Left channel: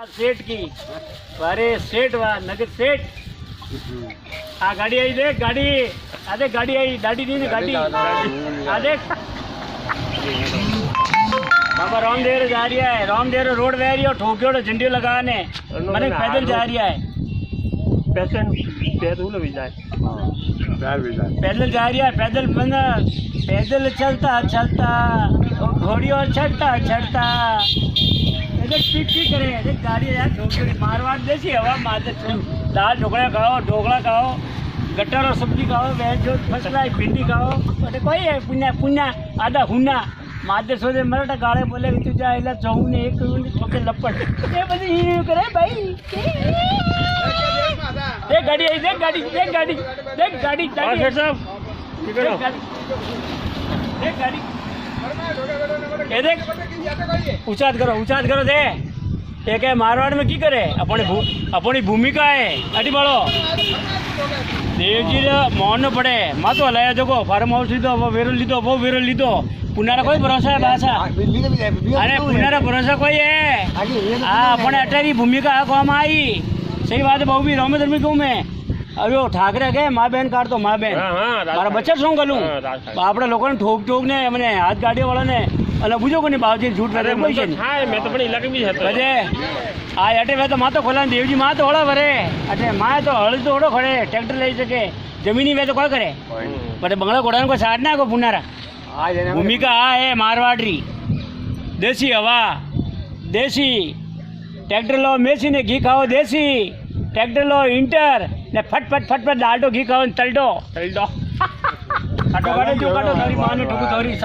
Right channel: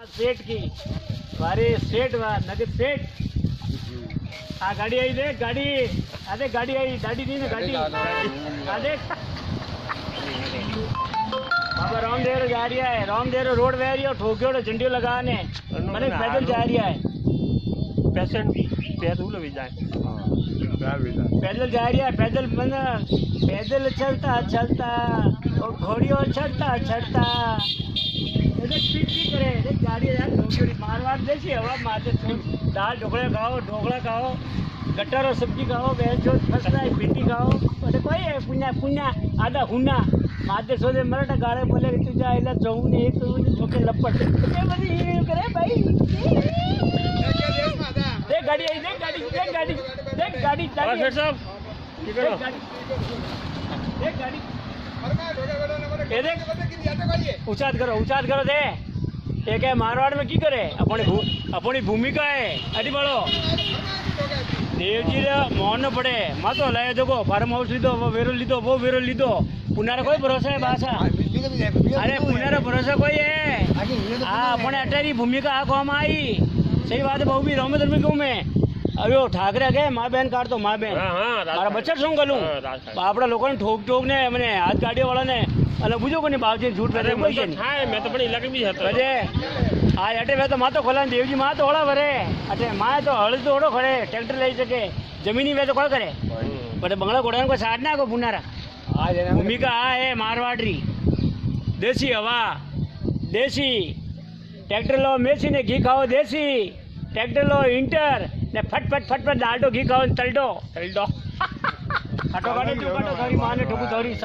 सेठ की अरे सेठ वा नगर सेठ आ गाड़ी आई देख गाड़ी अरे गाड़ी आई गाड़ी नहीं गाड़ी आ देख बाबा रामदेव जा रही है रामदेव रोड बह रही है ठोकियो झंडी लगाने मैंने पैदल जा रही है पैदल जा रही है पैदल बंदा पैदल चलता चलता और घोड़ी और चढ़ता चढ़ता करे गाड़ी यार मारवाड़ जैसी हवा मारते दाल ढोकला खाओ गट्टर और सब्जी खाओ जो फसला भिंडी खाओ अरे कोई है पुण्या पुण्या आधा हुना मारते सोचे मराठा गाड़े बोले तू जा इला जाऊँ ने एक ठोके लपट ये बड़ी करे भाई देख गाड़ी आई देख गाड़ी देख गाड़ी देख गाड़ी देख गाड़ी ये देख ऊंचात करो दे एक है मारवाड़ में की करे अपनी भूमिका है अटी बड़ो देवजी मोहन पड़े मा तो हलाया जो फार्म हाउस लीधो वो वेरो लीधो पुनारा कोई भरोसा है भाषा अरे पुनारा भरोसा कोई है हाँ अपने अटारी भूमिका काम आई सही बात है बहु भी रोमे धर्मी कहूँ मैं अरे ठाकरे गए माँ बहन काढ़ तो माँ बहन मारा बच्चा शू करूँ अपने लोगों ने ठोक ठोक ने मैंने हाथ गाड़ी वाला ने अल बुझो को नहीं बावजी झूठ मैं तो बड़े इलाके में अरे हाँ अटे वे तो माँ तो खोला देवजी माँ तो होड़ा भरे अटे माँ तो हल तो होड़ो खड़े ट्रैक्टर ले सके जमीनी वे तो कोई करे बटे बंगला घोड़ा को साड़ना को पुनारा भूमिका आ है मारवाड़ी देसी हवा देसी ट्रैक्टर लो मेसी ने घी खाओ देसी ट्रैक्टर लो इंटर ने फट डालटो घी खाओ तलडो हटो काटो जो काटो तारी माँ ने ठोकू तारी